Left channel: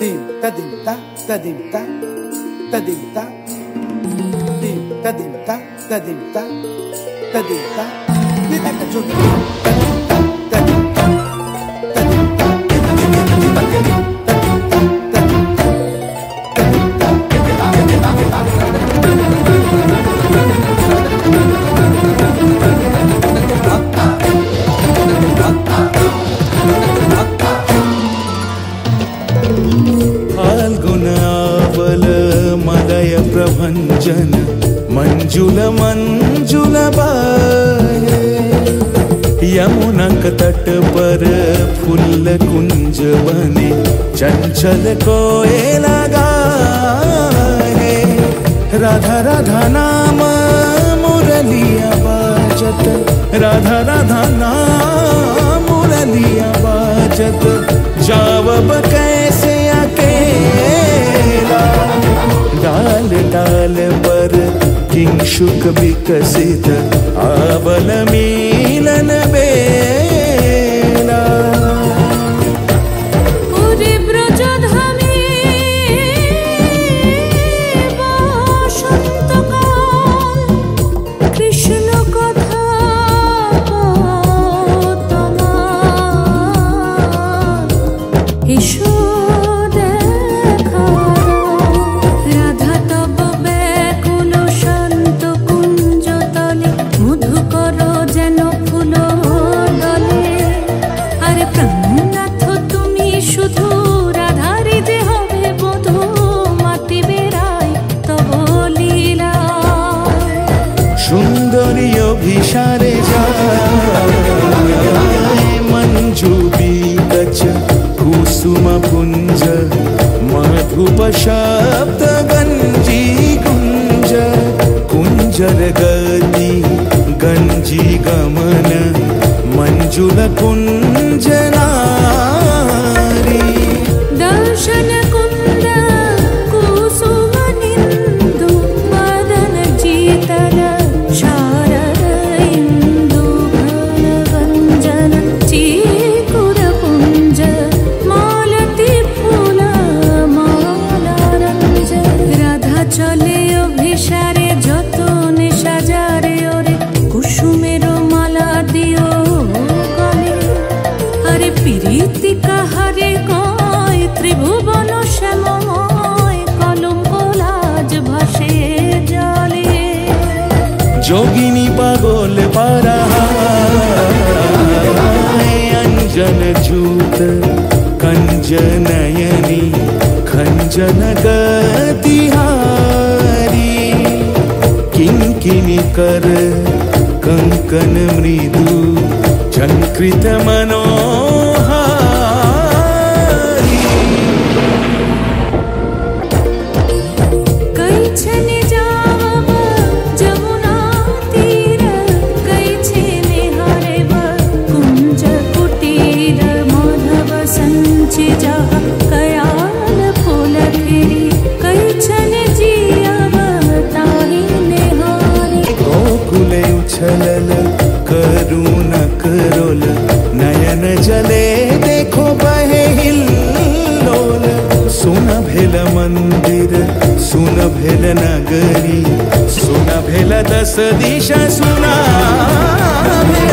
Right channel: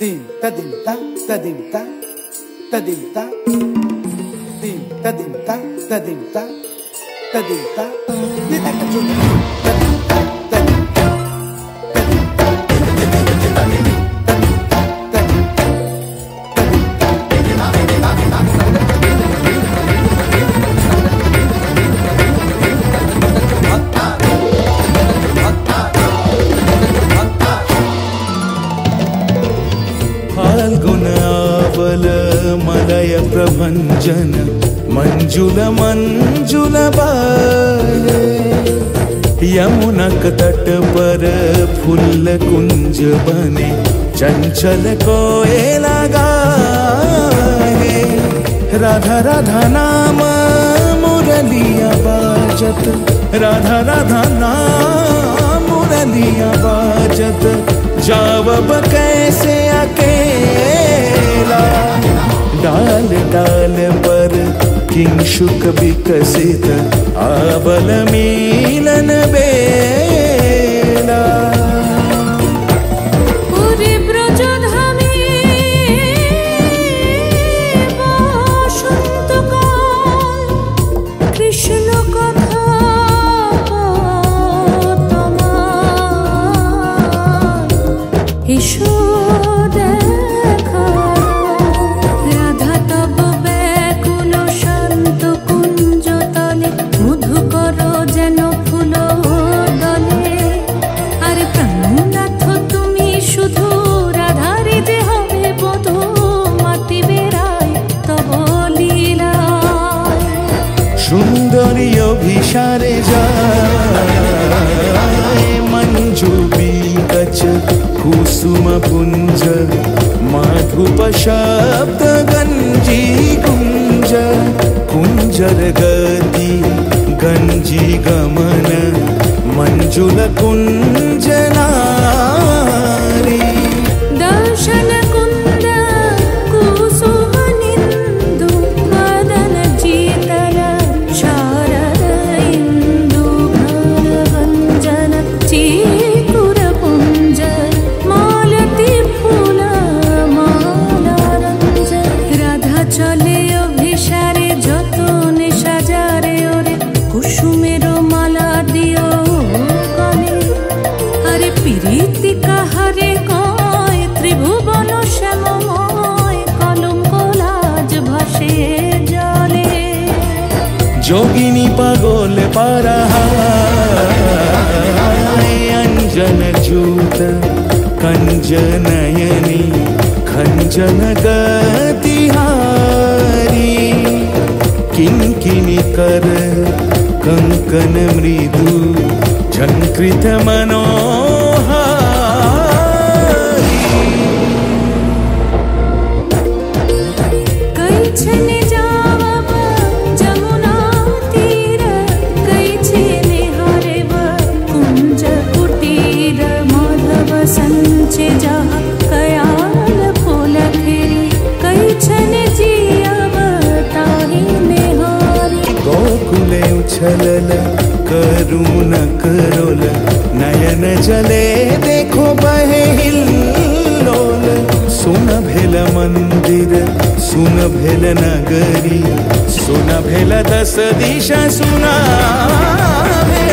Dim ta dim ta ta dim ta ta dim ta dim ta dim ta ta dim ta ta dim ta ni ta ka chun ta dim ta ta dim ta ta dim ta ta dim ta ta dim ta ta dim ta फाल्गुनावल मलय प्रभंजन मंजुल मंजुल बाहे यमुनक तट पर फूल कुंज बने चंचल कोयला गाहे राधा राधा नाम मुरलिया बाजत राधा राधा नाम मुरलिया बाजत जावब कैसे अकेला डाल डाल पर किंशुक विकसित आबल मिलन बेला कृष्ण कथा এসো দেখা দাও রাধা তব ব্যাকুল শান্ত কুঞ্জ তলে মধুকর যেন ফুল দলে আরে প্রাণনাথ তুমি শুধু রাধারে যে হবে বধূ মাতি বেড়াই তব লীলা সুন্দরী অভিসারে যায় मंजू बीकच कुसुम पुंज माधुप शब्द गंजी कुंज कुंजर गति गंजी गमन मंजुल कुंज नारी दर्शन कुंद कुसुम निंदु बदन जीतल शारद इंदु घन गंजन चीकुर पुंज मालती फूल माला रंज राधा चले अभिसारे যতনে সাজারে ওরে কুসুমের মালা দিও গলে আরে প্রীতি কাহারে কয় ত্রিভুবন শ্যামময় কলঙ্ক লাজ ভাসে জলে जोगिनी पागोल पारा अंजन जूत कंजनयनी खंजन गतिहारी किंकिनी कर कंकन मृदु झंकृत मनोहारी कई छने जावब जमुना तीर कई छेने हरेब कुंज कुटीर माधव संचे जहा कयाल फूल खेरी कई छने जियब ताही नेहारी गोकुले उछलल करुण करोल नयन जले देखो बहे हिल्लोल सुन भेल मंदिर सुन भेल नगरी सुन भेल दस दिशा सुना भेल